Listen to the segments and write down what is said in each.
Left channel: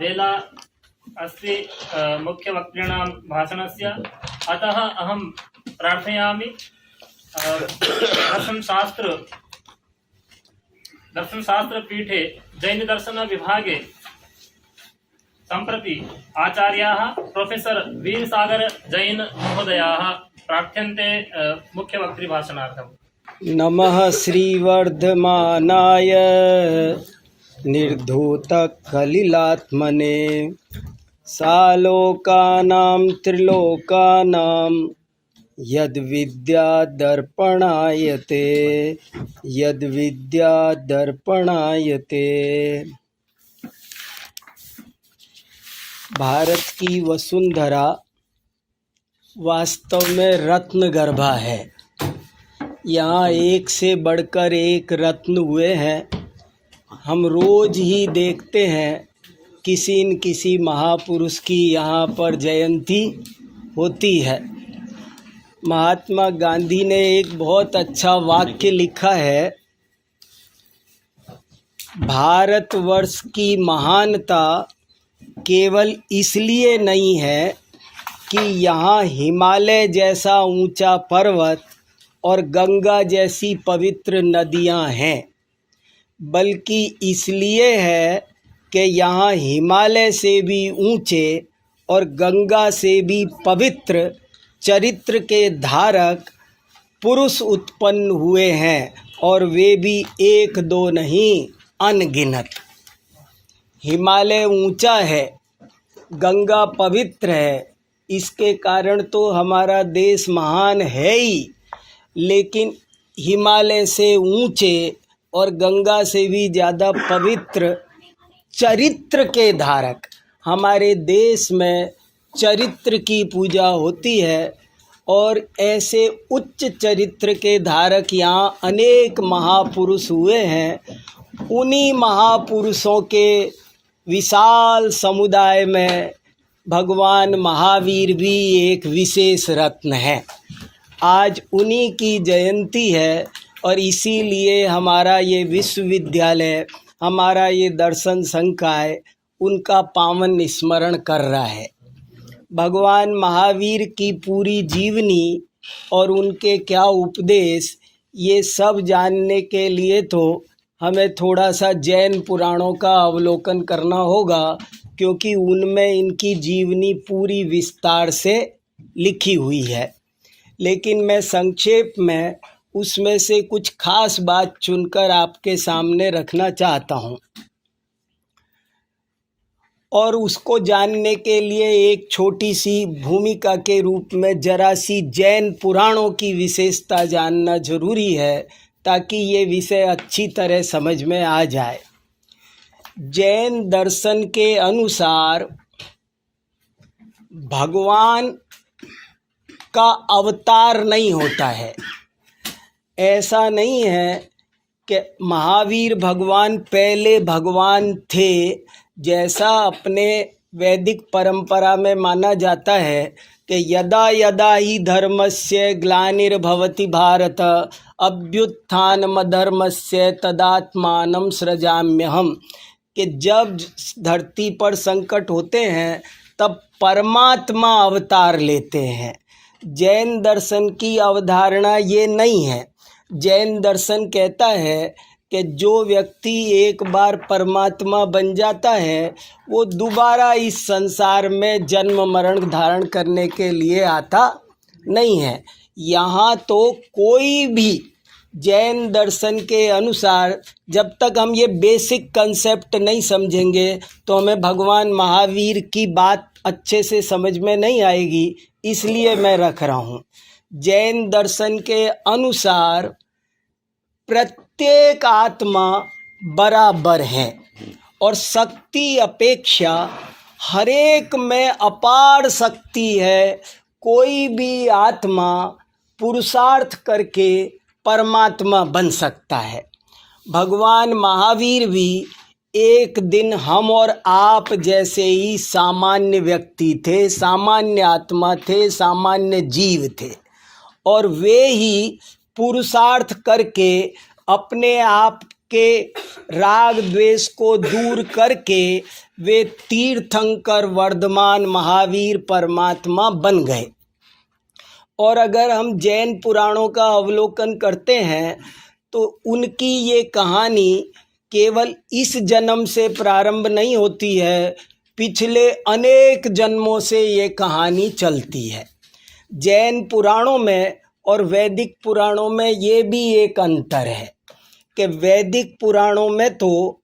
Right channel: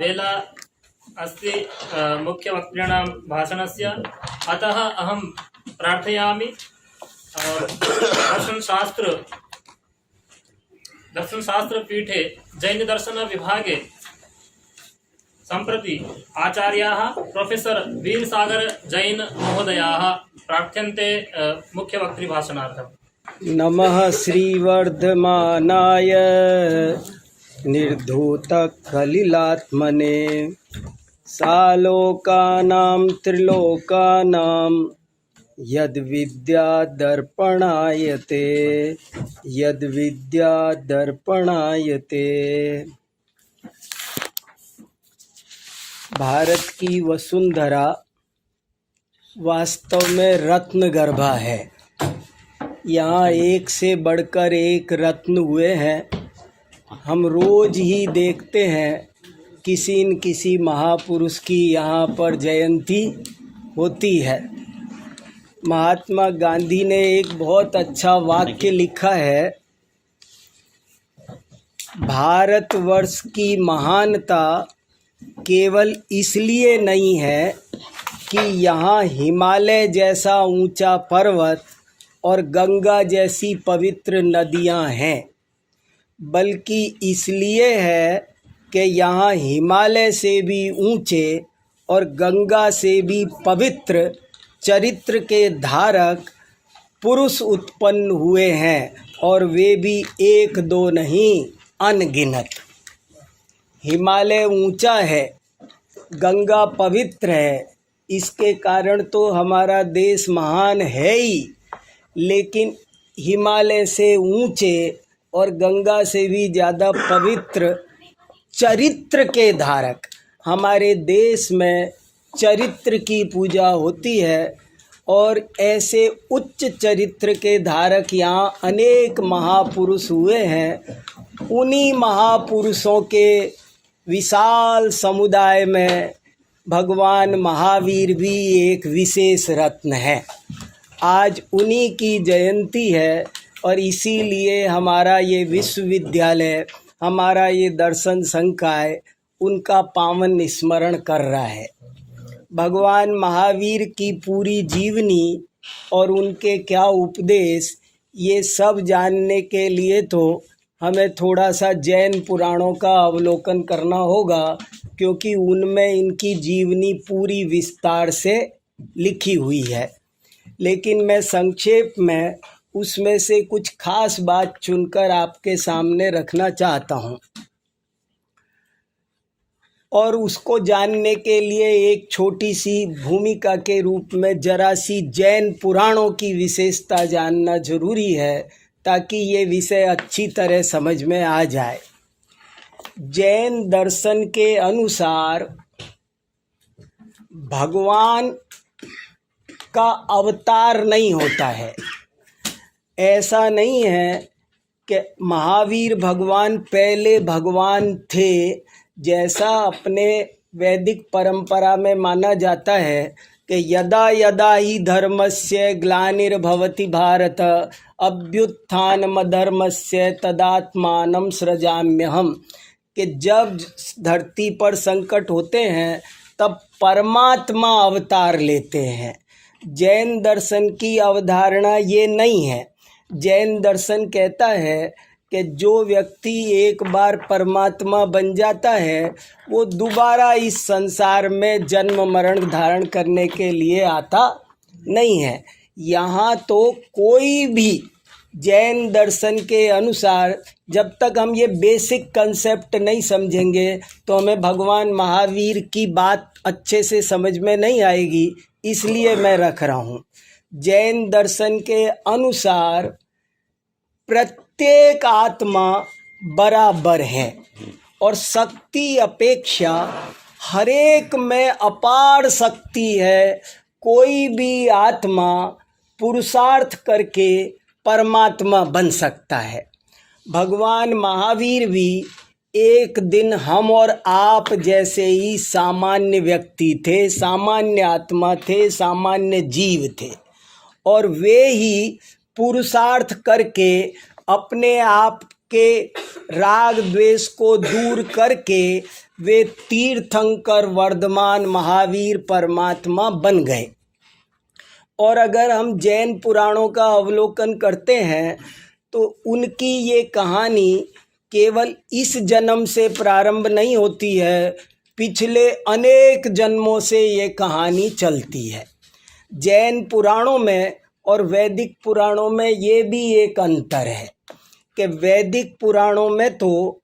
वेला अस्ति मुख्यवक्तॄणां भाषणस्य। अतः अहं प्रार्थयामि दर्शनशास्त्रपीठे जैनदर्शनविभागे सम्प्रति आचार्याः प्रोफेसर् वीरसागर जैन महोदयाः प्रार्थ्यन्ते मुख्यवक्तृभाषणार्थम्। नमः श्रीवर्धमानाय निर्धूतकलिलात्मने सालोकानां त्रिलोकानां यद्विद्यादर्पणायते भारत की वसुंधरा वास्तव में रत्नगर्भा है। यहाँ एक से बढ़कर एक रत्न हुए हैं। हम रोज ही देखते हैं किसी न किसी महापुरुष की यहाँ पर जयंती होती है। महात्मा गांधी ने एक बहुत अच्छा वाक्य लिखा है, भारतवर्ष की महानता केवल इसलिए नहीं है कि यहाँ हिमालय जैसा ऊंचा पर्वत और गंगा जैसी पवित्र नदियाँ हैं, बल्कि इसलिए है कि यहाँ हिमालय से भी ऊंचे और गंगा से भी पवित्र चरित्र के धारक पुरुष उत्पन्न हुए हैं, और वे भी एक दो नहीं अनगिनत। हिमालय ऊंचा है, गंगा पवित्र है, इसके कारण तो हमारा देश महान है ही, लेकिन हिमालय से ऊंचे और गंगा से भी ज़्यादा पवित्र चरित्र के धारक, हमारे देश में चरित्र की पूजा होती है। और ऐसे उच्च चरित्र के धारक यहाँ अनेक महापुरुष हुए हैं। उन्हीं महापुरुषों के विशाल समुदाय में भगवान महावीर भी एक विशेष रत्न है। आज उन्हीं की जयंती है और इसीलिए हमारा ये विश्वविद्यालय, हमारा ये दर्शन संकाय उनका पावन स्मरण कर रहा है। भगवान महावीर की पूरी जीवनी और उनके क्या उपदेश, ये सब जानने के लिए तो हमें थोड़ा सा जैन पुराणों का अवलोकन करना होगा, क्योंकि उनमें इनकी जीवनी पूरी विस्तार से लिखी हुई है। लेकिन मैं संक्षेप में उसमें से कुछ खास बात चुनकर आपके सामने रखना चाहता हूँ, और उसको जानने के लिए एक छोटी सी भूमिका के रूप में जरा सी जैन पुराणों की विशेषता जानना जरूरी है, ताकि ये विषय अच्छी तरह समझ में आ जाए। जैन दर्शन के अनुसार भगवान का अवतार नहीं होता है। ऐसा नहीं है कि महावीर भगवान पहले भगवान थे, जैसा अपने वैदिक परंपरा में माना जाता है कि यदा यदा ही धर्मस्य ग्लानिर्भवति भारत अभ्युत्थानमधर्मस्य तदात्मानं सृजाम्यहम्, कि जब धरती पर संकट होते हैं तब परमात्मा अवतार लेते हैं। जैन दर्शन की अवधारणा ये नहीं है। जैन दर्शन कहता है कि जो व्यक्ति एक बार परमात्मा बन जाता है, वो दोबारा इस संसार में जन्म मरण धारण करने के लिए आता नहीं है। यहाँ तो कोई भी जैन दर्शन के अनुसार जब तक हम ये बेसिक कंसेप्ट नहीं समझेंगे तो हमें भगवान महावीर की बात अच्छे से समझ में नहीं आएगी। इसलिए मैं रख रहा हूँ। जैन दर्शन के अनुसार प्रत्येक आत्मा बराबर है और शक्ति अपेक्षा हरेक में अपार शक्ति है। कोई भी आत्मा पुरुषार्थ करके परमात्मा बन सकता है। भगवान महावीर भी एक दिन हम और आप जैसे ही सामान्य व्यक्ति थे, सामान्य आत्मा थे, सामान्य जीव थे, और वे ही पुरुषार्थ करके अपने आप के राग द्वेष को दूर करके वे तीर्थंकर वर्धमान महावीर परमात्मा बन गए। और अगर हम जैन पुराणों का अवलोकन करते हैं तो उनकी ये कहानी केवल इस जन्म से प्रारंभ नहीं होती है, पिछले अनेक जन्मों से ये कहानी चलती है। जैन पुराणों में और वैदिक पुराणों में ये भी एक अंतर है कि वैदिक पुराणों में तो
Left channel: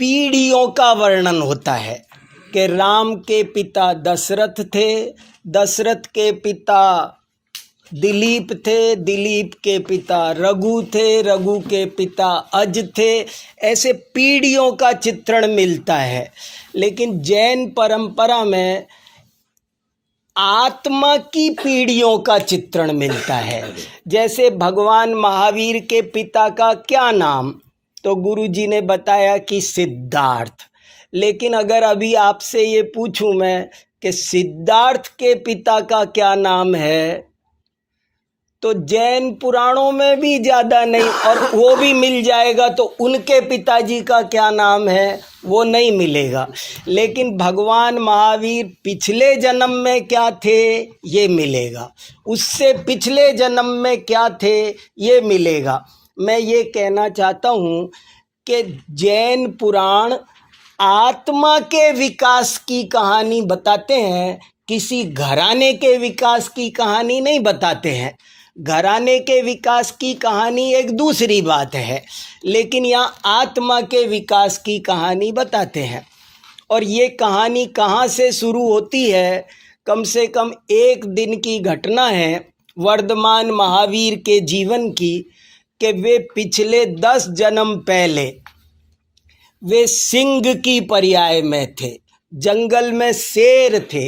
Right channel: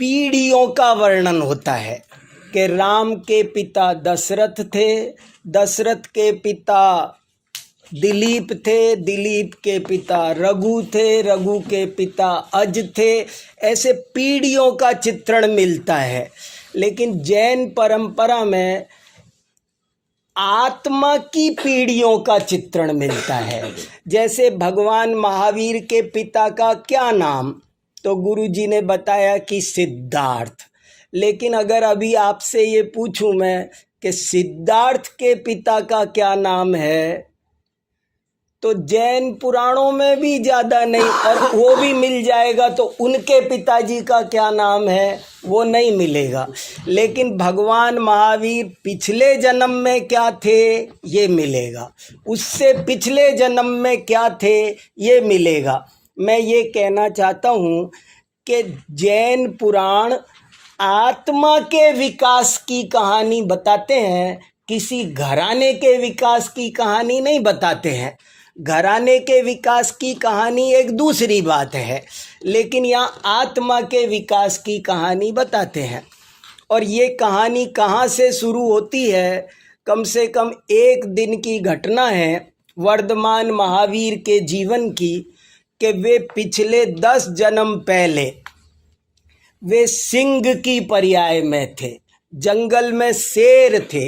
पीढ़ियों का वर्णन होता है कि राम के पिता दशरथ थे, दशरथ के पिता दिलीप थे, दिलीप के पिता रघु थे, रघु के पिता अज थे। ऐसे पीढ़ियों का चित्रण मिलता है। लेकिन जैन परंपरा में आत्मा की पीढ़ियों का चित्रण मिलता है। जैसे भगवान महावीर के पिता का क्या नाम, तो गुरुजी ने बताया कि सिद्धार्थ। लेकिन अगर अभी आपसे ये पूछूं मैं कि सिद्धार्थ के पिता का क्या नाम है, तो जैन पुराणों में भी ज़्यादा नहीं, और वो भी मिल जाएगा तो उनके पिताजी का क्या नाम है वो नहीं मिलेगा। लेकिन भगवान महावीर पिछले जन्म में क्या थे ये मिलेगा, उससे पिछले जन्म में क्या थे ये मिलेगा। मैं ये कहना चाहता हूँ कि जैन पुराण आत्मा के विकास की कहानी बताते हैं, किसी घराने के विकास की कहानी नहीं बताते हैं। घराने के विकास की कहानी एक दूसरी बात है, लेकिन यहाँ आत्मा के विकास की कहानी बताते हैं। और ये कहानी कहाँ से शुरू होती है, कम से कम एक दिन की घटना है वर्धमान महावीर के जीवन की, कि वे पिछले 10 जन्म पहले वे सिंह की पर्याय में थे, जंगल में शेर थे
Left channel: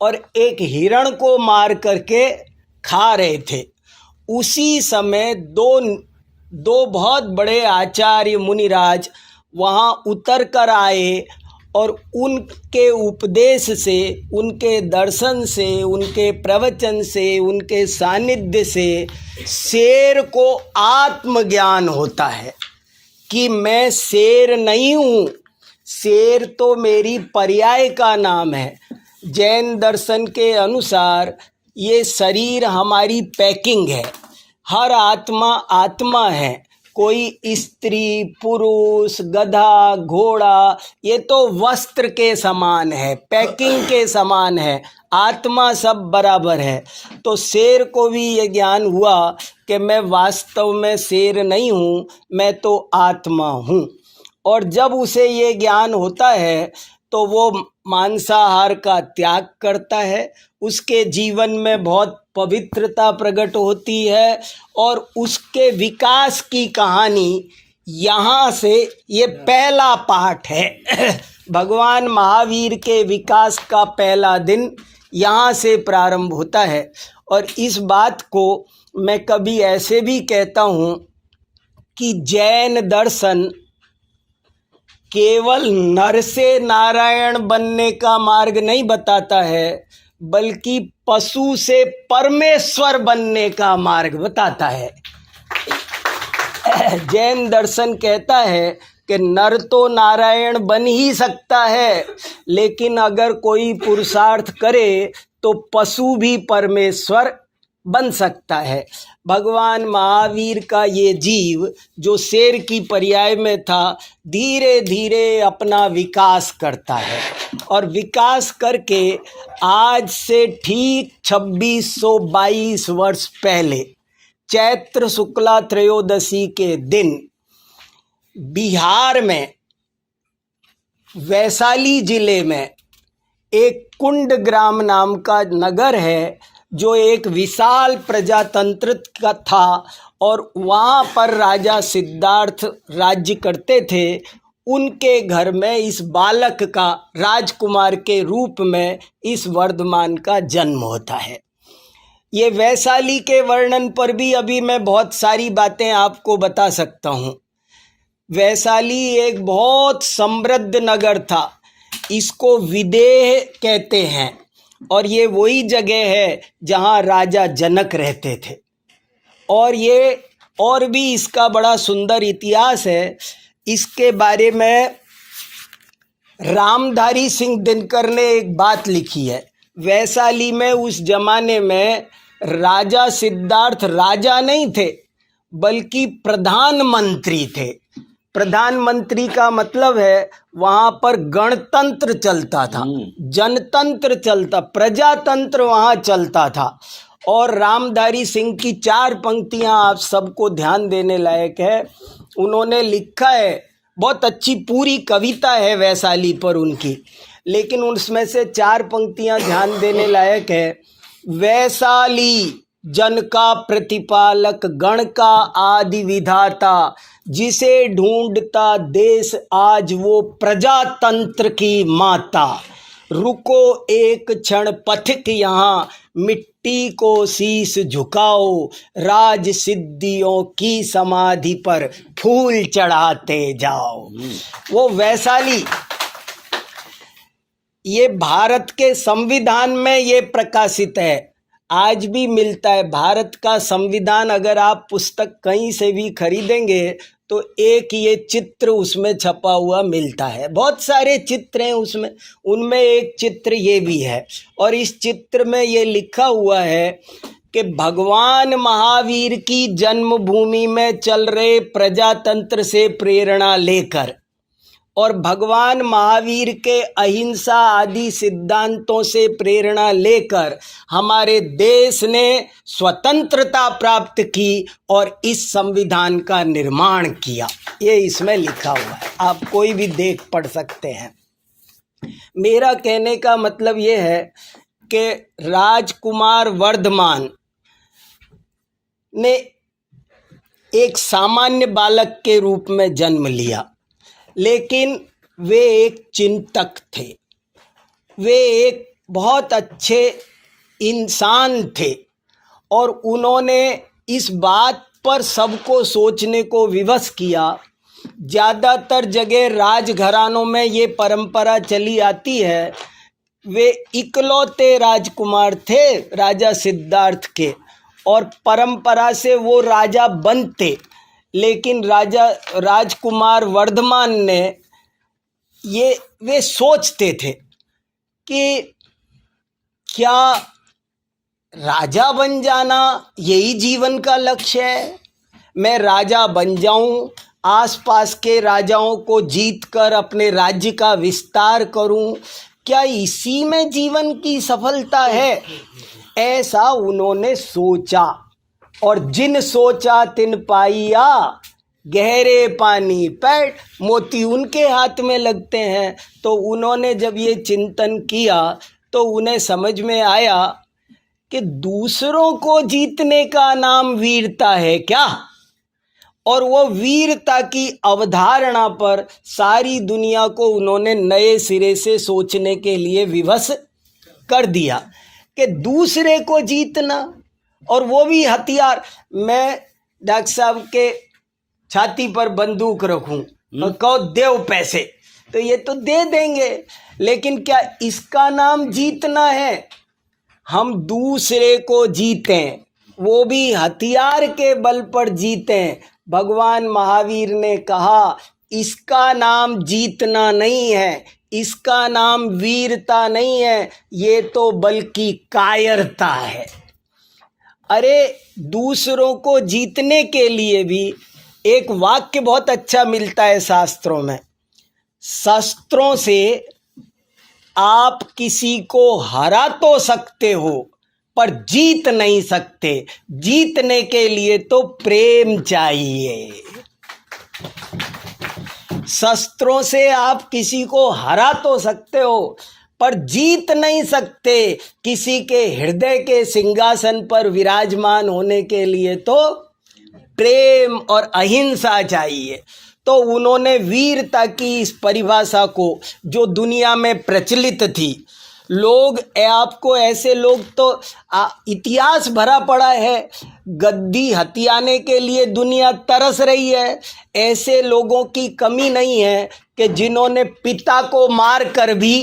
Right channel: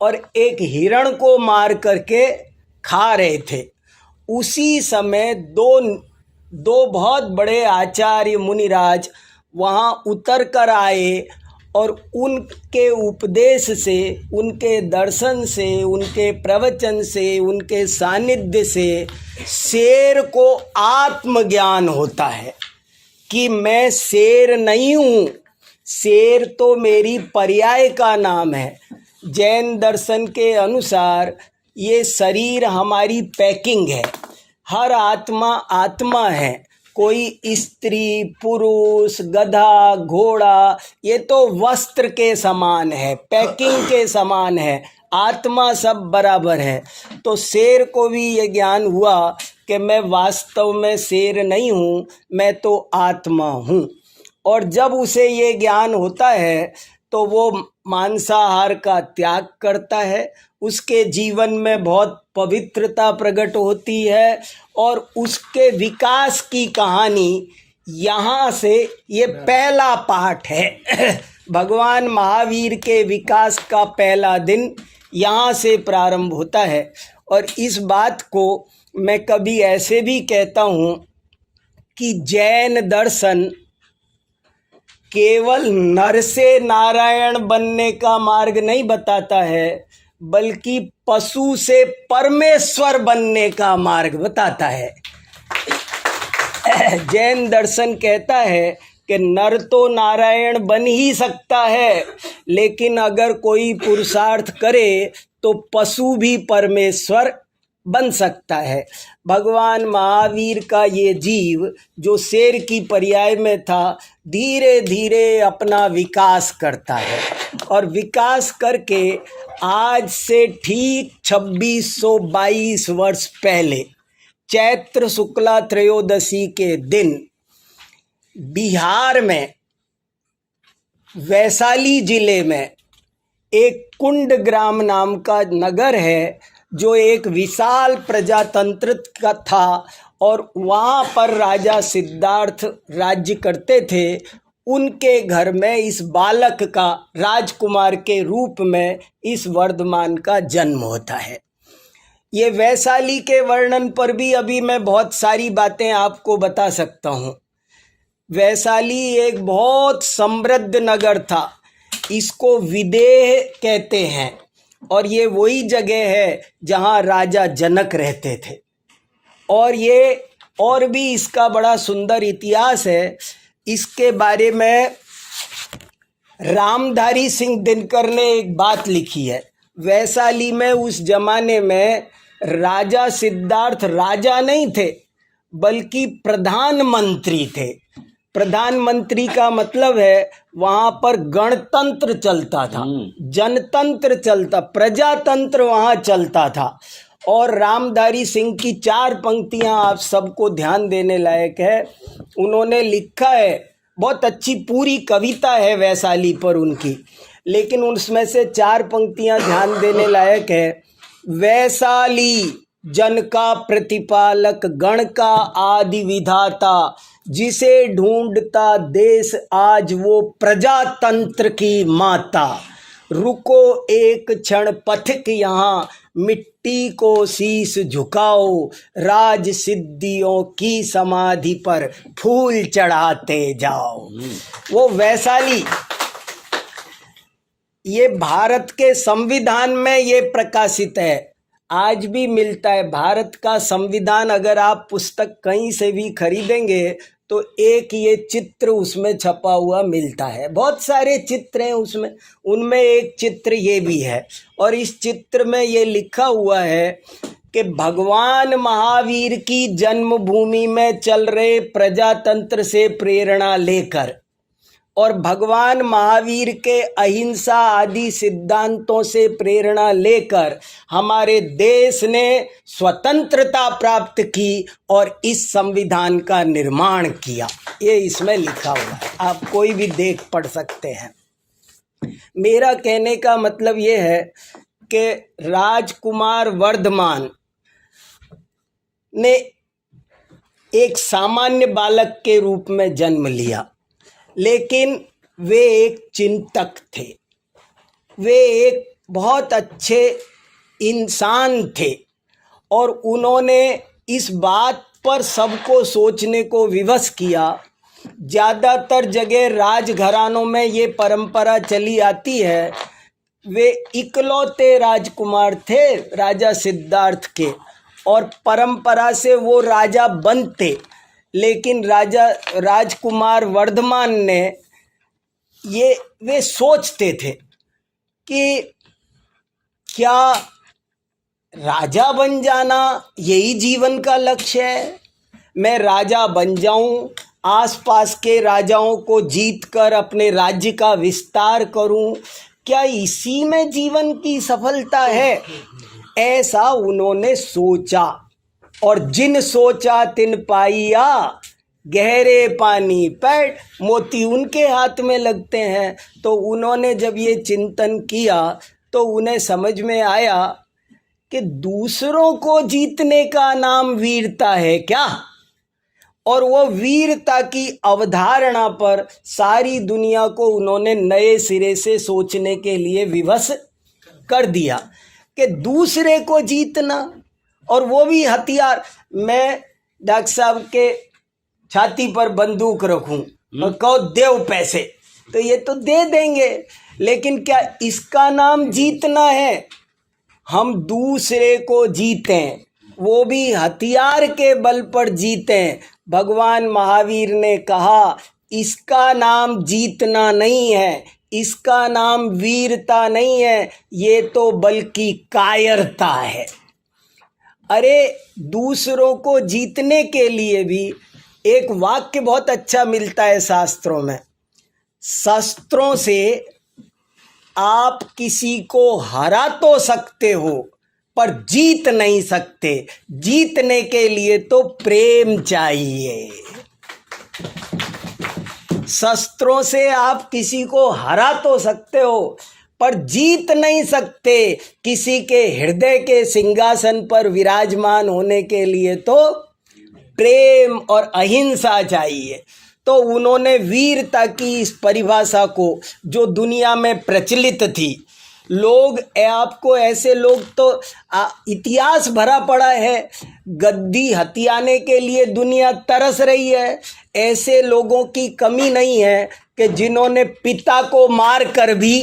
और एक हिरण को मार करके खा रहे थे। उसी समय दो बहुत बड़े आचार्य मुनिराज वहाँ उतर कर आए और उनके उपदेश से, उनके दर्शन से, उनके प्रवचन से, उनके सानिध्य से शेर को आत्मज्ञान होता है कि मैं शेर नहीं हूँ, शेर तो मेरी पर्याय का नाम है। जैन दर्शन के अनुसार ये शरीर हमारी पैकिंग है, हर आत्मा आत्मा है, कोई स्त्री पुरुष गधा घोड़ा ये तो वस्त्र के समान है, पैकिंग के समान है, आत्मा सब बराबर है। तो शेर को भी ये ज्ञान हुआ कि मैं वास्तव में शेर नहीं हूँ, मैं तो आत्मा हूँ। और जब उसे ये ज्ञान होता है तो वो मांसाहार का त्याग करता है, उसके जीवन में बहुत पवित्रता प्रकट होती है और उसके विकास की कहानी यहाँ से ये पहला पाठ है। भगवान महावीर के विकास का पहला दिन यहाँ से प्रारंभ होता है। और इस बात को मैं कभी ऐसे भी कहता हूँ कि जैन दर्शन केवल नर से नारायण बनने का मार्ग नहीं बताता है, बल्कि पशु से परमेश्वर बनने का मार्ग बताता है। जैन दर्शन कहता है कि नर तो नारायण बन ही सकता है, लेकिन अगर कोई पुरुषार्थ करे तो पशु भी परमेश्वर बन सकता है। भगवान महावीर का ये जीव जो शेर की पर्याय में था, धीरे धीरे अपना विकास करता है और विकास करके आज से ठीक 2622 वर्ष पहले चैत्र शुक्ला त्रयोदशी के दिन बिहार में वैशाली जिले में एक कुंड ग्राम नाम का नगर है, जो एक विशाल प्रजातंत्र का था और वहाँ पर राजा सिद्धार्थ राज्य करते थे। उनके घर में इस बालक का राजकुमार के रूप में इस वर्धमान का जन्म होता है। ये वैशाली के वर्णन पर भी अभी मैं बहुत सारी बातें आपको बता सकता हूँ। वैशाली एक बहुत समृद्ध नगर था, इसको विदेह कहते हैं और ये वही जगह है जहाँ राजा जनक रहते थे। और ये और भी इसका बड़ा सुंदर इतिहास है। इसके बारे में रामधारी सिंह दिनकर ने एक बात लिखी है। वैशाली में उस जमाने में राजा सिद्धार्थ राजा नहीं थे बल्कि प्रधानमंत्री थे। प्रधानमंत्री का मतलब है वहाँ पर गणतंत्र चलता था, जनतंत्र चलता, प्रजातंत्र वहाँ चलता था। और रामधारी सिंह की 4 पंक्तियाँ आप सबको ध्यान देने लायक है। उन्होंने लिखा है, बहुत अच्छी पूरी कविता है वैशाली पर उनकी, लेकिन उसमें से 4 पंक्तियाँ ध्यान देने लायक है। वैशाली जन का प्रतिपालक, गण का आदि विधाता, जिसे ढूंढता देश आज वो प्रजातंत्र की माता। रुको एक क्षण पथिक यहाँ, मिट्टी को शीश झुकाओ, राज सिद्धियों की समाधि पर फूल चढ़ाते जाओ। वो वैशाली ये भारत के संविधान में ये प्रकाशित है, आज भी मिलता है। भारत का संविधान अगर आप पुस्तक कहीं से भी खरीदेंगे तो एक ये चित्र उसमें छपा हुआ मिलता है। बहुत सारे चित्र हैं उसमें, उनमें एक चित्र ये भी है। और इस चित्र में ये लिखा हुआ है कि भगवान महावीर की जन्मभूमि में चल रहे प्रजातंत्र से प्रेरणा लेकर और भगवान महावीर के अहिंसा आदि सिद्धांतों से प्रेरणा लेकर हमारे देश ने स्वतंत्रता प्राप्त की और इस संविधान का निर्माण किया। ये इसमें लिखा हुआ है, आप कोई भी देख पढ़ सकते हैं। मेरा कहने का मतलब ये है कि राजकुमार वर्धमान ने एक सामान्य बालक के रूप में जन्म लिया, लेकिन वे एक चिंतक थे, वे एक बहुत अच्छे इंसान थे और उन्होंने इस बात पर सबको सोचने को विवश किया। ज़्यादातर जगह राजघरानों में ये परंपरा चली आती है। वे इकलौते राजकुमार थे राजा सिद्धार्थ के और परंपरा से वो राजा बनते, लेकिन राजकुमार वर्धमान ने वे सोचते थे कि क्या राजा बन जाना यही जीवन का लक्ष्य है? मैं राजा बन जाऊं, आसपास के राजाओं को जीतकर अपने राज्य का विस्तार करूं, क्या इसी में जीवन की सफलता है? ऐसा उन्होंने सोचा और जिन सोचा तिन पाइया, गहरे पानी पैर मोती उनके हाथ में लगते हैं। तो उन्होंने जब ये चिंतन किया तो उन्हें समझ में आया कि दूसरों को जीतने का नाम वीरता है क्या? और वो वीरता की अवधारणा पर सारी दुनिया को उन्होंने नए सिरे से सोचने के लिए विवश कर दिया कि दूसरे को जीतना, और वो भी हथियार। मैं डॉक्टर साहब के छाती पर बंदूक रखूं और कहो देव पैसे, तो ये तो दे देंगे, लेकिन क्या इसका नाम जीतना है? हम दूसरे को जीतें, वो भी हथियार के बल पर जीतें। भगवान महावीर ने कहा इसका नाम जीतना नहीं है, इसका नाम वीरता नहीं है, ये तो बल्कि कायरता है। अरे दूसरों को जीतने के लिए भी एक वाक्य बहुत अच्छा मिलता है शास्त्रों में। शस्त्रों से आप किसी को हरा तो सकते हो पर जीत नहीं सकते। जीतने के लिए तो प्रेम चाहिए। शस्त्रों से आप किसी को हरा तो सकते हो पर जीत नहीं सकते। किसी के हृदय के सिंहासन पर विराजमान होने के लिए तो प्रेम और अहिंसा चाहिए। तो उन्होंने वीरता की इस परिभाषा को, जो दुनिया में प्रचलित थी, लोग आपको ऐसे लोग तो इतिहास भरा पड़ा है, गद्दी हथियाने के लिए दुनिया तरस रही है। ऐसे लोगों की कमी नहीं है कि जिन्होंने पिता को मार कर भी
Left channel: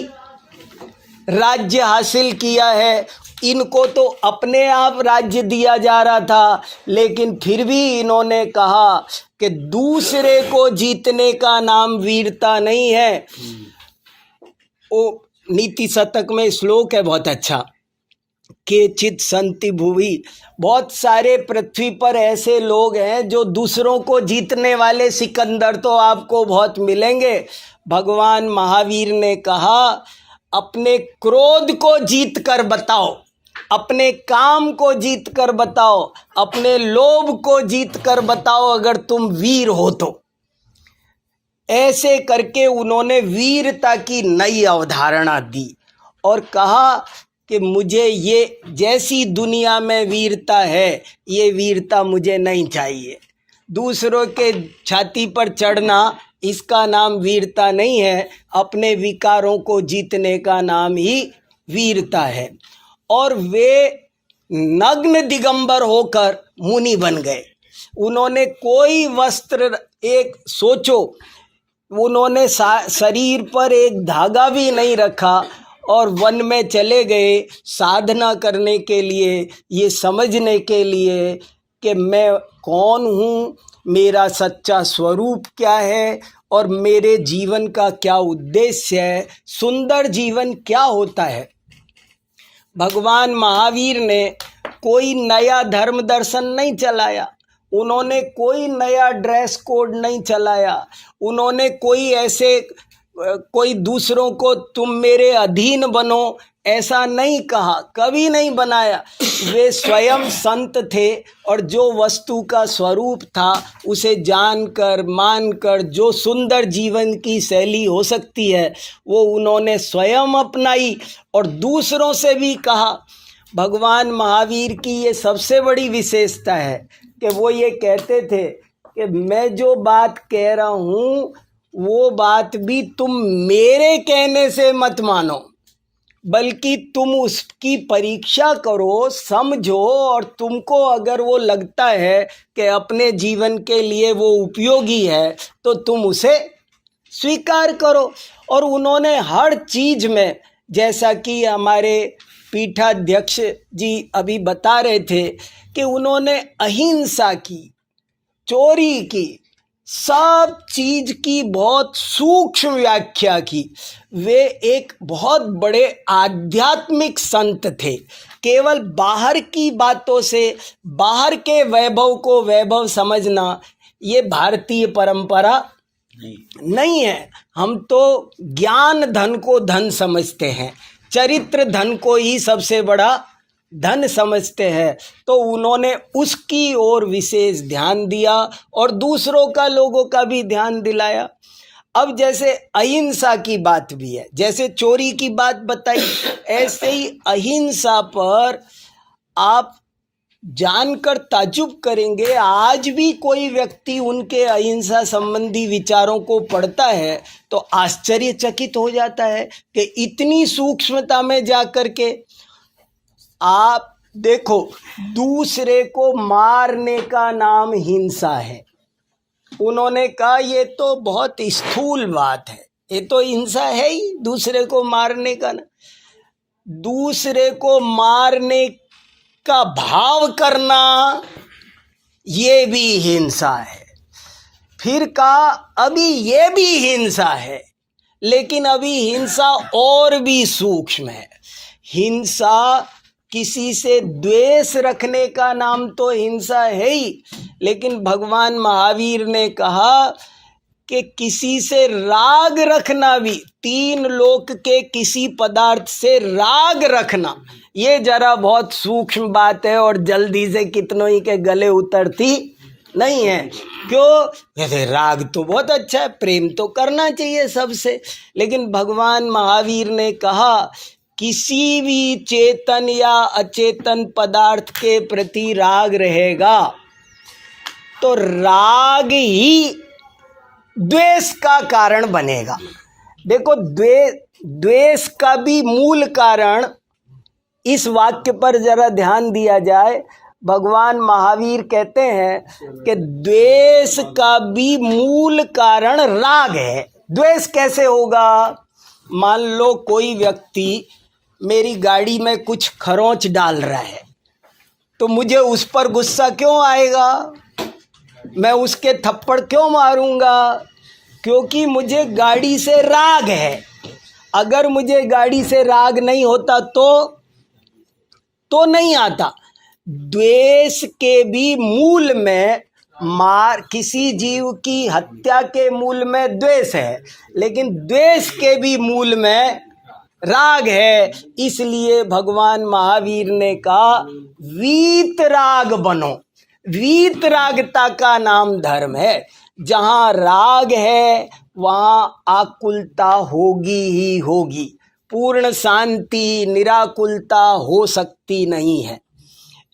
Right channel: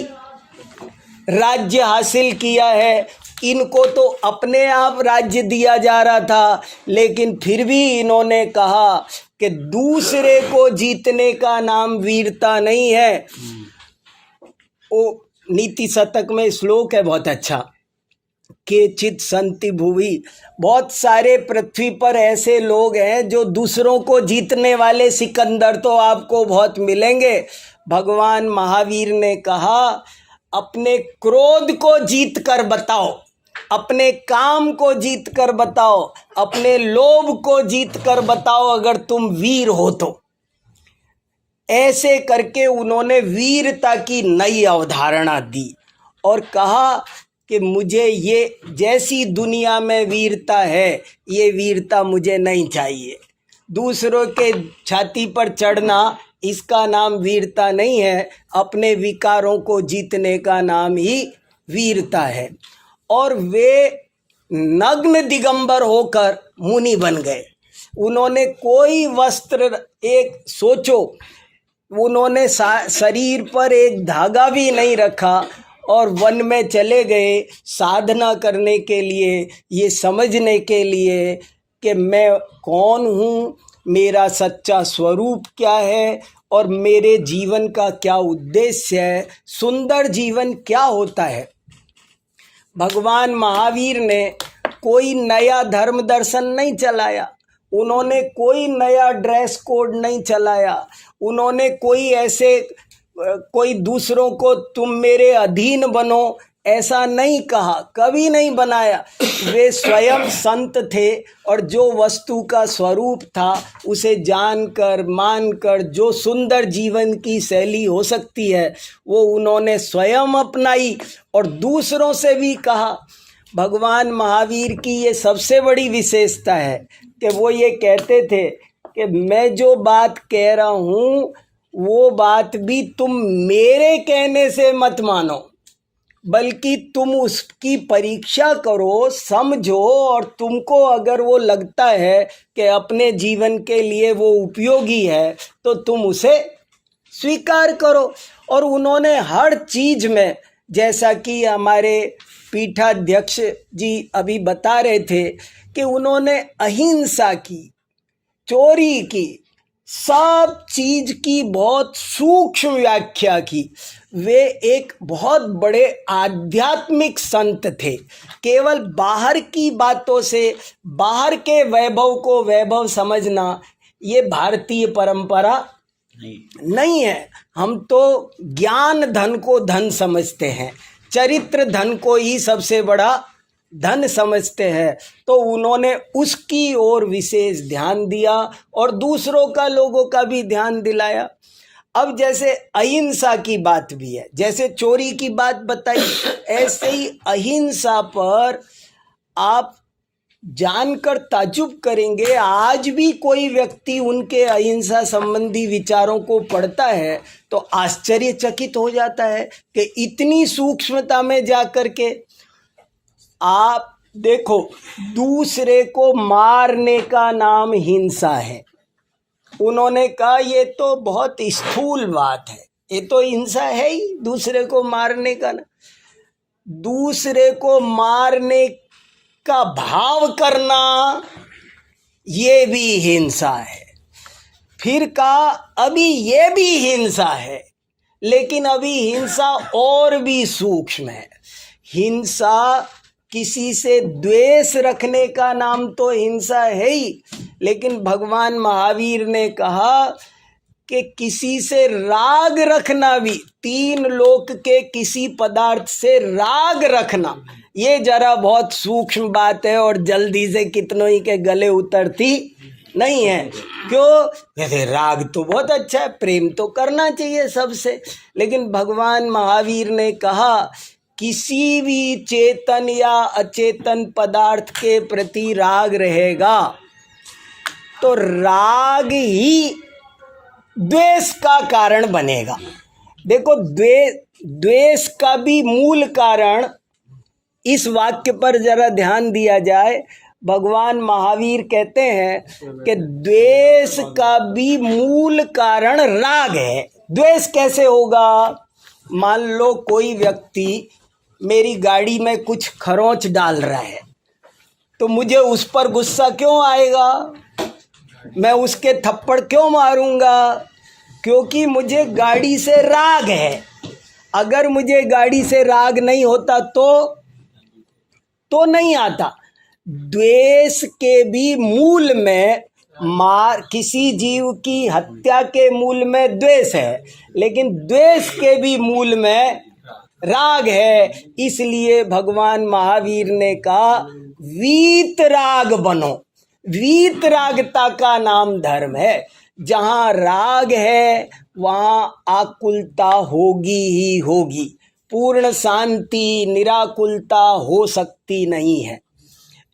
राज्य हासिल किया है इनको तो अपने आप राज्य दिया जा रहा था, लेकिन फिर भी इन्होंने कहा कि दूसरे को जीतने का नाम वीरता नहीं है। वो नीति शतक में श्लोक है बहुत अच्छा, केचित् सन्ति भुवि, बहुत सारे पृथ्वी पर ऐसे लोग हैं जो दूसरों को जीतने वाले सिकंदर तो आपको बहुत मिलेंगे। भगवान महावीर ने कहा अपने क्रोध को जीत कर बताओ, अपने काम को जीत कर बताओ, अपने लोभ को जीत कर बताओ अगर तुम वीर हो तो। ऐसे करके उन्होंने वीरता की नई अवधारणा दी और कहा कि मुझे ये जैसी दुनिया में वीरता है, ये वीरता मुझे नहीं चाहिए। दूसरों के छाती पर चढ़ना, इसका नाम वीरता नहीं है, अपने विकारों को जीतने का नाम ही वीरता है। और वे नग्न दिगंबर होकर मुनि बन गए। उन्होंने कोई वस्त्र, एक सोचो, उन्होंने शरीर पर एक धागा भी नहीं रखा और वन में चले गए साधना करने के लिए, ये समझने के लिए कि मैं कौन हूँ, मेरा सच्चा स्वरूप क्या है और मेरे जीवन का क्या उद्देश्य है, सुंदर जीवन क्या होता है। भगवान महावीर ने कोई नया धर्म दर्शन नहीं चलाया, उन्होंने कोई नया ड्रेस कोड नहीं चलाया, उन्होंने कोई दूसरों को तुम मेरे अधीन बनो ऐसा नहीं कहा, कभी नहीं बनाया। वे स्वयं संत थे और जो वस्तु का स्वरूप था उसे जानकर मानकर जो सुंदर जीवन की शैली हो सकती है वो उन्होंने स्वयं अपनाई और दूसरों से भी कहा। भगवान महावीर की ये सबसे बड़ी विशेषता है कि वो ये कहते थे कि मैं जो बात कह रहा हूँ वो बात भी तुम मेरे कहने से मत मानो, बल्कि तुम उसकी परीक्षा करो, समझो, और तुमको अगर वो लगता है कि अपने जीवन के लिए वो उपयोगी है तो तुम उसे स्वीकार करो। और उन्होंने हर चीज़ में, जैसा कि हमारे पीठाध्यक्ष जी अभी बता रहे थे कि उन्होंने अहिंसा की, चोरी की, सब चीज की बहुत सूक्ष्म व्याख्या की। वे एक बहुत बड़े आध्यात्मिक संत थे। केवल बाहर की बातों से बाहर के वैभव को वैभव समझना ये भारतीय परंपरा नहीं है। हम तो ज्ञान धन को धन समझते हैं, चरित्र धन को ही सबसे बड़ा धन समझते हैं। तो उन्होंने उसकी ओर विशेष ध्यान दिया और दूसरों का, लोगों का भी ध्यान दिलाया। अब जैसे अहिंसा की बात भी है, जैसे चोरी की बात बताई, ऐसे ही अहिंसा पर आप जानकर ताज्जुब करेंगे। आज भी कोई व्यक्ति उनके अहिंसा संबंधी विचारों को पढ़ता है तो आश्चर्यचकित हो जाता है कि इतनी सूक्ष्मता में जाकर के आप देखो, दूसरे को मारने का नाम हिंसा है। उन्होंने कहा ये तो बहुत स्थूल बात है, ये तो हिंसा है ही, दूसरे को मारने का ना, दूसरे को मारने का भाव करना ये भी हिंसा है। फिर कहा अभी ये भी हिंसा है, लेकिन अभी हिंसा और भी सूक्ष्म है। हिंसा किसी से द्वेष रखने का नाम तो हिंसा है ही, लेकिन भगवान महावीर ने कहा कि किसी से राग रखना भी, तीन लोक के किसी पदार्थ से राग रखना, ये जरा बहुत सूक्ष्म बात है और जल्दी से कितनों ही के गले उतरती नहीं है। क्यों? वैसे राग तो बहुत अच्छा है, प्रेम तो करना चाहिए सबसे, लेकिन भगवान महावीर ने कहा किसी भी चेतन या अचेतन पदार्थ के प्रति राग रहेगा तो राग ही द्वेष का कारण बनेगा। देखो, द्वेष का भी मूल कारण, इस वाक्य पर जरा ध्यान दिया जाए। भगवान महावीर कहते हैं कि द्वेष का भी मूल कारण राग है। द्वेष कैसे होगा? मान लो कोई व्यक्ति मेरी गाड़ी में कुछ खरोंच डाल रहा है, तो मुझे उस पर गुस्सा क्यों आएगा? मैं उसके थप्पड़ क्यों मारूंगा? क्योंकि मुझे गाड़ी से राग है। अगर मुझे गाड़ी से राग नहीं होता तो नहीं आता। द्वेष के भी मूल में किसी जीव की हत्या के मूल में द्वेष है, लेकिन द्वेष के भी मूल में राग है। इसलिए भगवान महावीर ने कहा वीतराग बनो। वीतरागता का नाम धर्म है। जहाँ राग है वहाँ आकुलता होगी ही होगी। पूर्ण शांति निराकुलता हो सकती नहीं है।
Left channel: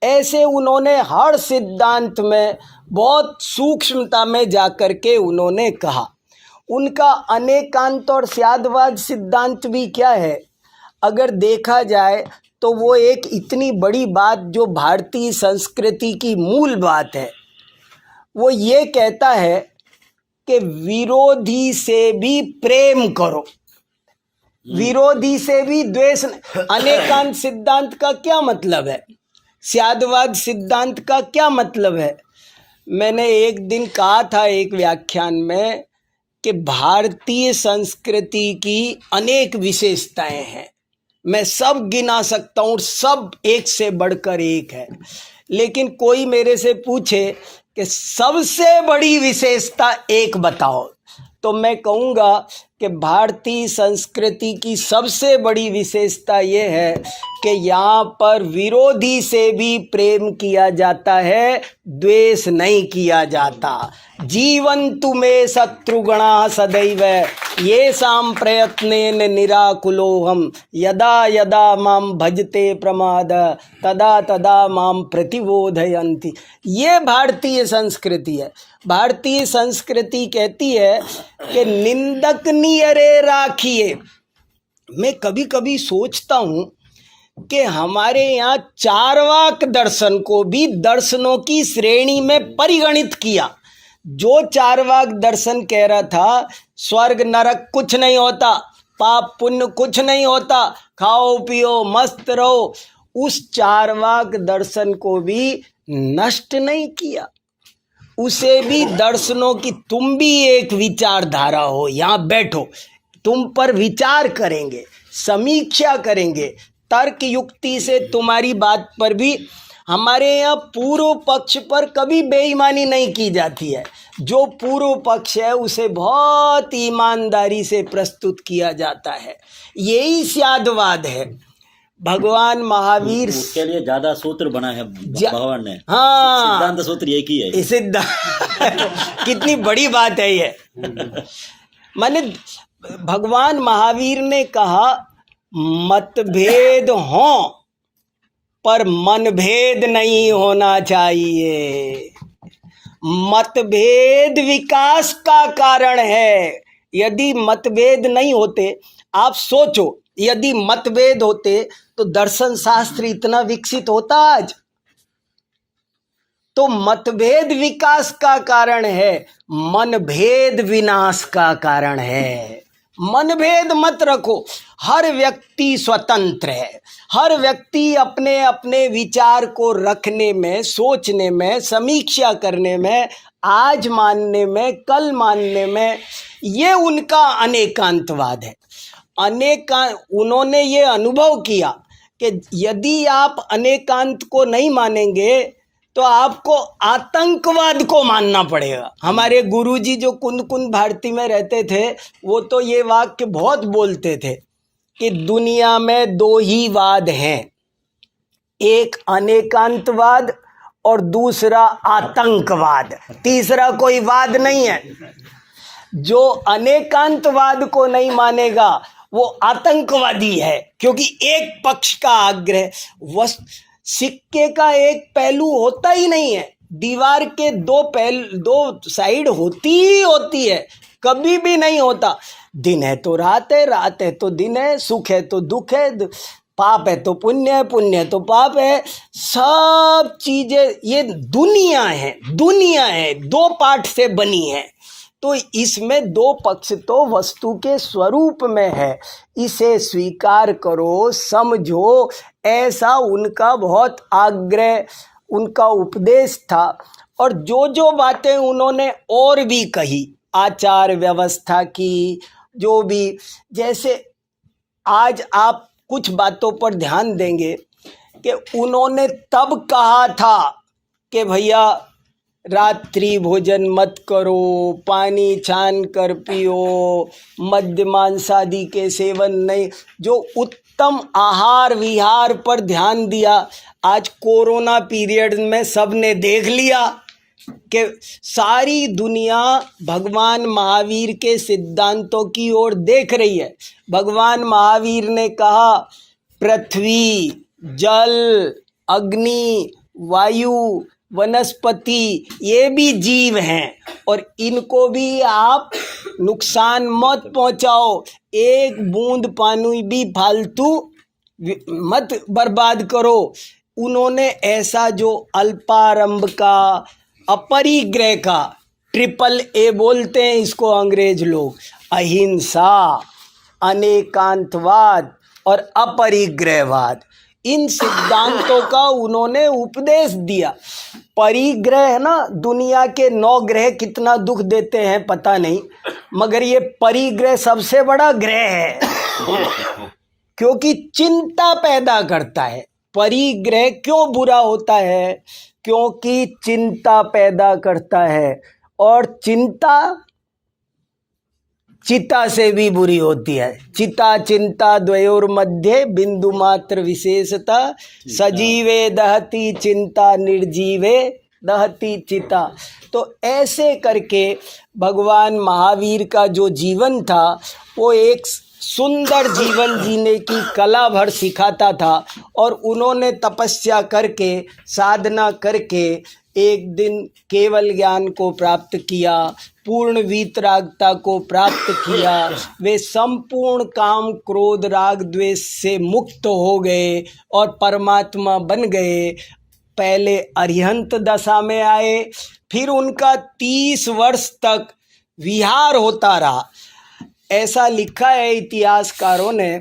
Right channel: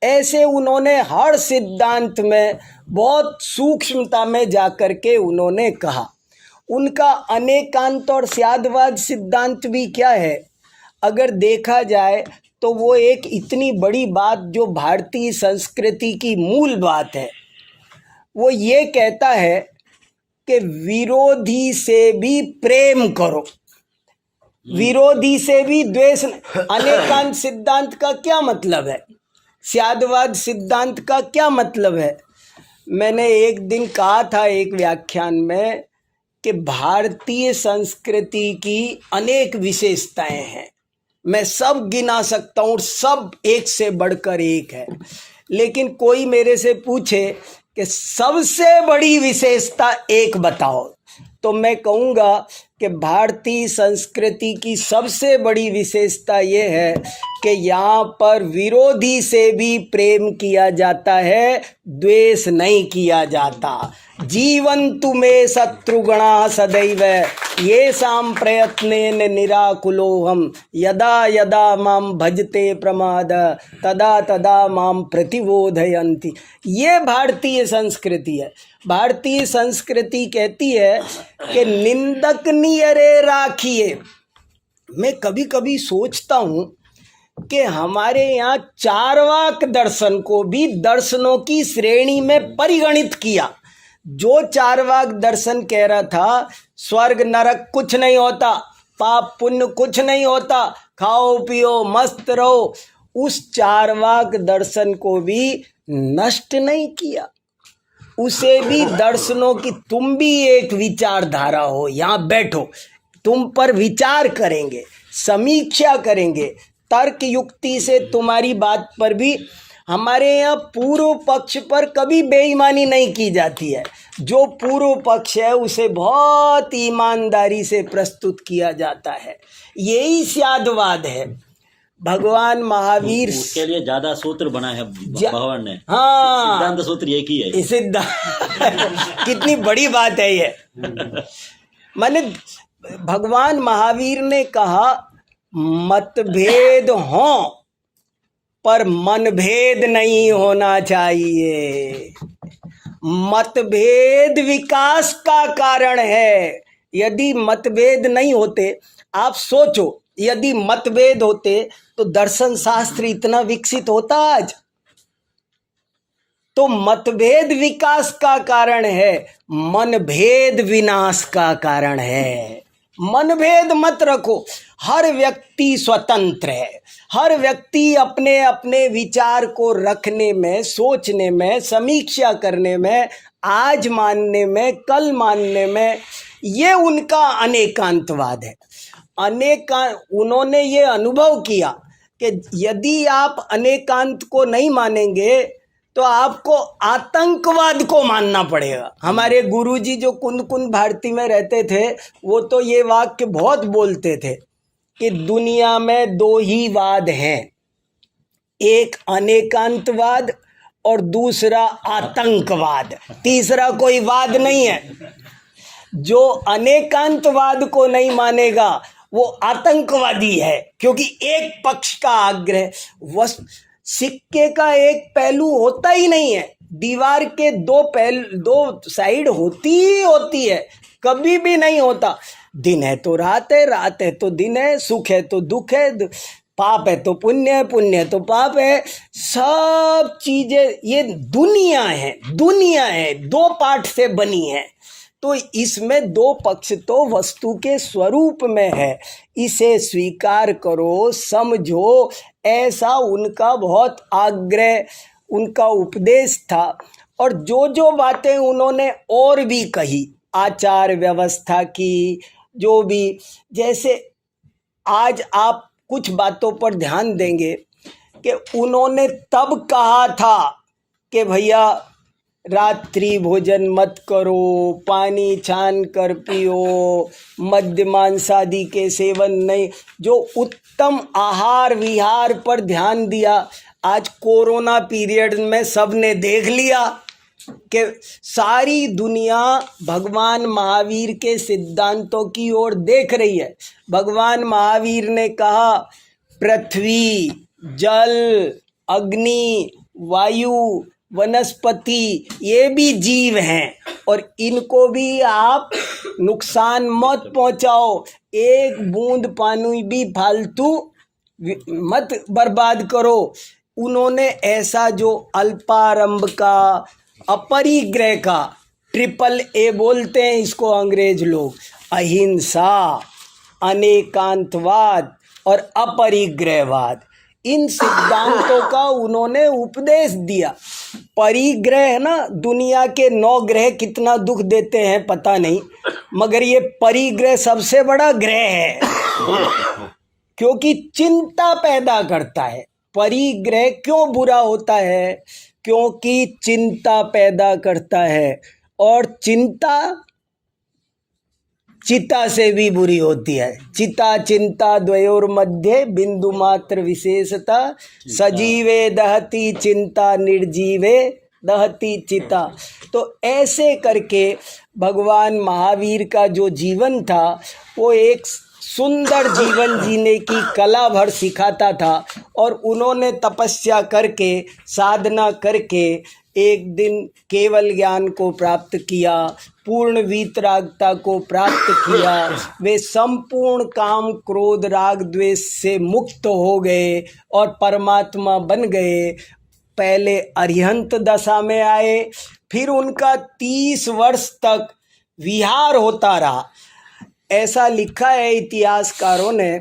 ऐसे उन्होंने हर सिद्धांत में बहुत सूक्ष्मता में जाकर के उन्होंने कहा। उनका अनेकांत और स्यादवाद सिद्धांत भी क्या है, अगर देखा जाए तो वो एक इतनी बड़ी बात जो भारतीय संस्कृति की मूल बात है, वो ये कहता है कि विरोधी से भी प्रेम करो, विरोधी से भी द्वेष। अनेकांत सिद्धांत का क्या मतलब है? स्यादवाद सिद्धांत का क्या मतलब है? मैंने एक दिन कहा था एक व्याख्यान में कि भारतीय संस्कृति की अनेक विशेषताएं हैं। मैं सब गिना सकता हूँ, सब एक से बढ़कर एक है। लेकिन कोई मेरे से पूछे कि सबसे बड़ी विशेषता एक बताओ, तो मैं कहूँगा कि भारतीय संस्कृति की सबसे बड़ी विशेषता ये है कि यहाँ पर विरोधी से भी प्रेम किया जाता है, द्वेष नहीं किया जाता। जीवन्तु मे शत्रुगणा सदैव येषां प्रयत्नेन निराकुलोऽहम् यदा यदा मां भजते प्रमाद तदा तदा मां प्रतिबोधयन्ति। ये भारतीय संस्कृति है। भारतीय संस्कृति कहती है कि निंदक नियरे राखिए। मैं कभी कभी सोचता हूँ कि हमारे यहाँ चार्वाक दर्शन को भी दर्शनों की श्रेणी में परिगणित किया। जो चार्वाक दर्शन कह रहा था स्वर्ग नरक कुछ नहीं होता, पाप पुण्य कुछ नहीं होता, खाओ पियो मस्त रहो, उस चार्वाक दर्शन को भी नष्ट नहीं किया। उसे भी दर्शनों की तुम भी एक विचारधारा हो, यहाँ बैठो, तुम पर विचार करेंगे, समीक्षा करेंगे, तर्क युक्ति से तुम्हारी बात पर भी। हमारे यहाँ पूर्व पक्ष पर कभी बेईमानी नहीं की जाती है। जो पूर्व पक्ष है उसे बहुत ईमानदारी से प्रस्तुत किया जाता है। यही स्यादवाद है। भगवान महावीर के लिए ज्यादा सूत्र बना है भगवान ने। हाँ, सिद्धांत सूत्र एक ही है। सिद्धांत कितनी बड़ी बात है ये। माने भगवान महावीर ने कहा मतभेद हो पर मनभेद नहीं होना चाहिए। मतभेद विकास का कारण है। यदि मतभेद नहीं होते, आप सोचो, यदि मतभेद होते तो दर्शन शास्त्र इतना विकसित होता आज? तो मतभेद विकास का कारण है, मनभेद विनाश का कारण है। मनभेद मत रखो। हर व्यक्ति स्वतंत्र है। हर व्यक्ति अपने अपने विचार को रखने में, सोचने में, समीक्षा करने में, आज मानने में, कल मानने में, ये उनका अनेकांतवाद है। उन्होंने ये अनुभव किया कि यदि आप अनेकांत को नहीं मानेंगे तो आपको आतंकवाद को मानना पड़ेगा। हमारे गुरुजी जो कुंद कुंद भारती में रहते थे, वो तो ये वाक्य बहुत बोलते थे कि दुनिया में दो ही वाद हैं, एक अनेकांतवाद और दूसरा आतंकवाद। तीसरा कोई वाद नहीं है। जो अनेकांतवाद को नहीं मानेगा वो आतंकवादी है, क्योंकि एक पक्ष का आग्रह, सिक्के का एक पहलू होता ही नहीं है। दीवार के दो साइड होती ही होती है, कभी भी नहीं होता। दिन है तो रात है, रात है तो दिन है, सुख है तो दुख है, पाप है तो पुण्य है, पुण्य है तो पाप है। सब चीजें ये दुनिया है, दो पार्ट से बनी है। तो इसमें दो पक्ष तो वस्तु के स्वरूप में है, इसे स्वीकार करो, समझो, ऐसा उनका बहुत आग्रह, उनका उपदेश था। और जो जो बातें उन्होंने और भी कही, आचार व्यवस्था की, जो भी, जैसे आज आप कुछ बातों पर ध्यान देंगे कि उन्होंने तब कहा था कि भैया रात्रि भोजन मत करो, पानी छान कर पियो, मद्य मांसादि के सेवन नहीं, जो उत्तम आहार विहार पर ध्यान दिया। आज कोरोना पीरियड में सबने देख लिया कि सारी दुनिया भगवान महावीर के सिद्धांतों की ओर देख रही है। भगवान महावीर ने कहा पृथ्वी, जल, अग्नि, वायु, वनस्पति, ये भी जीव हैं और इनको भी आप नुकसान मत पहुंचाओ, एक बूंद पानी भी फालतू मत बर्बाद करो। उन्होंने ऐसा जो अल्पारंभ का, अपरिग्रह का, ट्रिपल ए बोलते हैं इसको अंग्रेज लोग, अहिंसा, अनेकांतवाद और अपरिग्रहवाद, इन सिद्धांतों का उन्होंने उपदेश दिया। परिग्रह है ना, दुनिया के 9 ग्रह कितना दुख देते हैं पता नहीं, मगर ये परिग्रह सबसे बड़ा ग्रह है क्योंकि चिंता पैदा करता है। परिग्रह क्यों बुरा होता है? क्योंकि चिंता पैदा करता है, और चिंता चिता से भी बुरी होती है। चिता चिंता द्वयोर मध्य बिंदु मात्र विशेषता, सजीवे दहती चिंता, निर्जीवे दहती चिता। तो ऐसे करके भगवान महावीर का जो जीवन था वो एक सुंदर जीवन जीने की कला भर सिखाता था। और उन्होंने तपस्या करके, साधना करके एक दिन केवल ज्ञान को प्राप्त किया, पूर्ण वीतरागता को प्राप्त किया। वे संपूर्ण काम क्रोध राग द्वेष से मुक्त हो गए और परमात्मा बन गए। पहले अरिहंत दशा में आए, फिर उनका 30 वर्ष तक विहार होता रहा। ऐसा लिखा है इतिहासकारों ने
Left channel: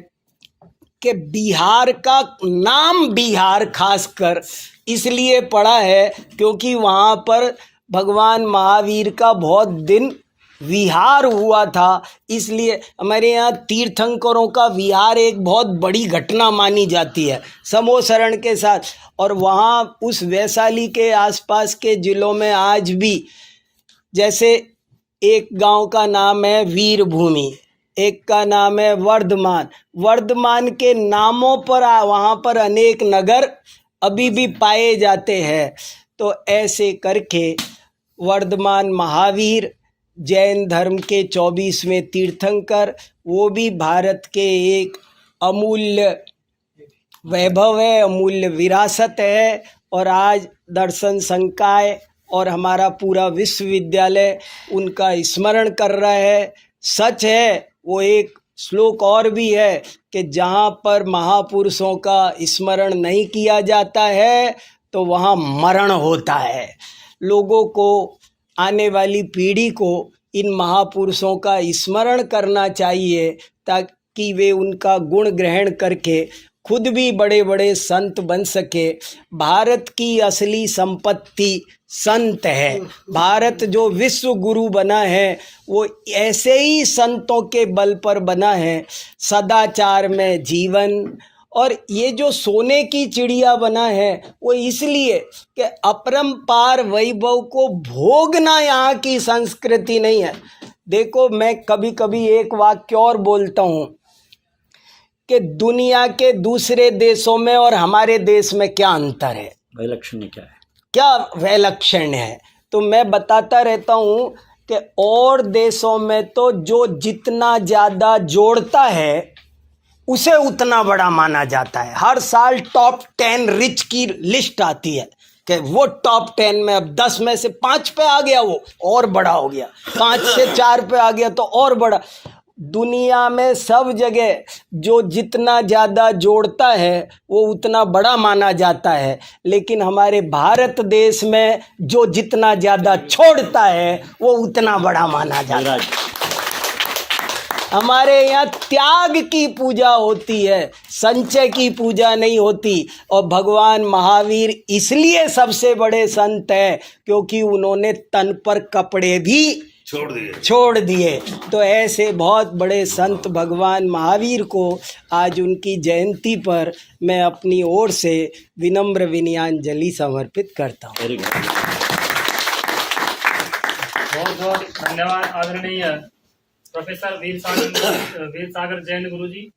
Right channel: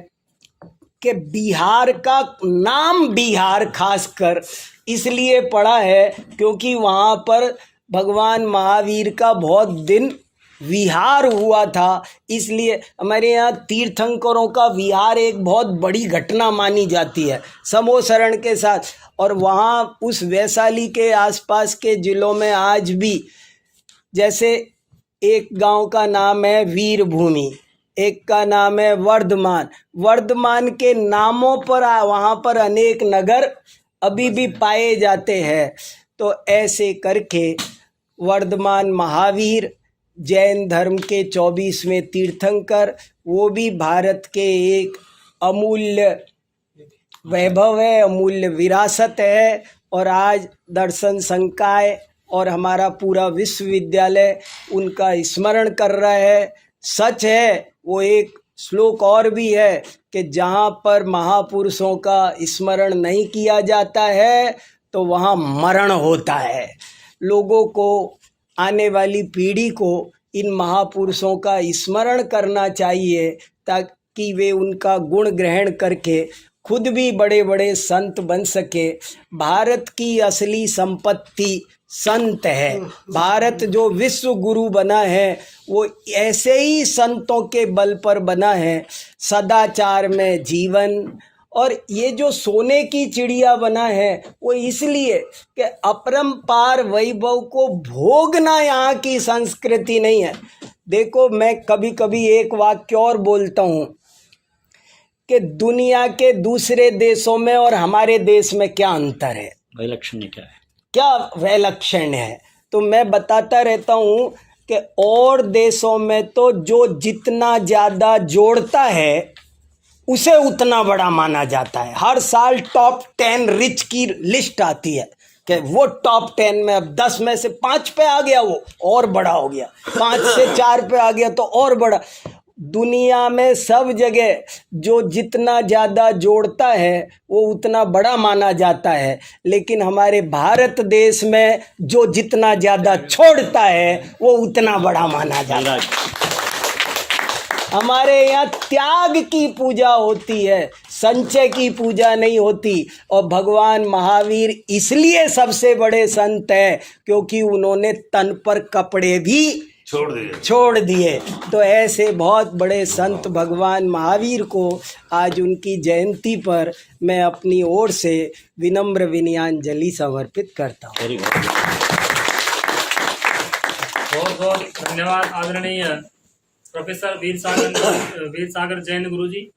कि बिहार का नाम बिहार खासकर इसलिए पड़ा है क्योंकि वहाँ पर भगवान महावीर का बहुत दिन विहार हुआ था। इसलिए हमारे यहाँ तीर्थंकरों का विहार एक बहुत बड़ी घटना मानी जाती है समोसरण के साथ। और वहाँ उस वैशाली के आसपास के ज़िलों में आज भी, जैसे एक गांव का नाम है वीरभूमि, एक का नाम है वर्धमान। वर्धमान के नामों पर वहाँ पर अनेक नगर अभी भी पाए जाते हैं। तो ऐसे करके वर्धमान महावीर जैन धर्म के 24वें तीर्थंकर, वो भी भारत के एक अमूल्य वैभव है, अमूल्य विरासत है। और आज दर्शन संकाय और हमारा पूरा विश्वविद्यालय उनका स्मरण कर रहा है। सच है, वो एक श्लोक और भी है कि जहाँ पर महापुरुषों का स्मरण नहीं किया जाता है तो वहाँ मरण होता है। लोगों को, आने वाली पीढ़ी को इन महापुरुषों का स्मरण करना चाहिए ताकि वे उनका गुण ग्रहण करके खुद भी बड़े बड़े संत बन सके। भारत की असली संपत्ति संत है। भारत जो विश्व गुरु बना है वो ऐसे ही संतों के बल पर बना है। सदाचार में जीवन, और ये जो सोने की चिड़िया बना है वो इसलिए कि अपरंपार वैभव को भोगना यहाँ की संस्कृति नहीं है। देखो, मैं कभी कभी एक वाक्य और बोलता हूँ कि दुनिया के दूसरे देशों में और हमारे देश में क्या अंतर है, वैलक्षण्य क्या है, क्या वैलक्षण्य है। तो मैं बताता रहता हूँ कि और देशों में तो जो जितना ज़्यादा जोड़ता है उसे उतना बड़ा माना जाता है। हर साल टॉप 10 रिच की लिस्ट आती है कि वो टॉप 10 में अब 10 में से 5 पे आ गया, वो और बड़ा हो गया, 5 से 4 पे आ गया तो और बड़ा। दुनिया में सब जगह जो जितना ज़्यादा जोड़ता है वो उतना बड़ा माना जाता है, लेकिन हमारे भारत देश में जो जितना ज़्यादा छोड़ता है वो उतना बड़ा माना जाता है। हमारे यहाँ त्याग की पूजा होती है, संचय की पूजा नहीं होती। और भगवान महावीर इसलिए सबसे बड़े संत हैं क्योंकि उन्होंने तन पर कपड़े भी छोड़ दिए। तो ऐसे बहुत बड़े संत भगवान महावीर को आज उनकी जयंती पर मैं अपनी ओर से विनम्र विनयाञ्जलि समर्पित करता हूँ। Very good. बहुत बहुत धन्यवाद आदरणीय प्रोफेसर वीर सागर जैन गुरु जी।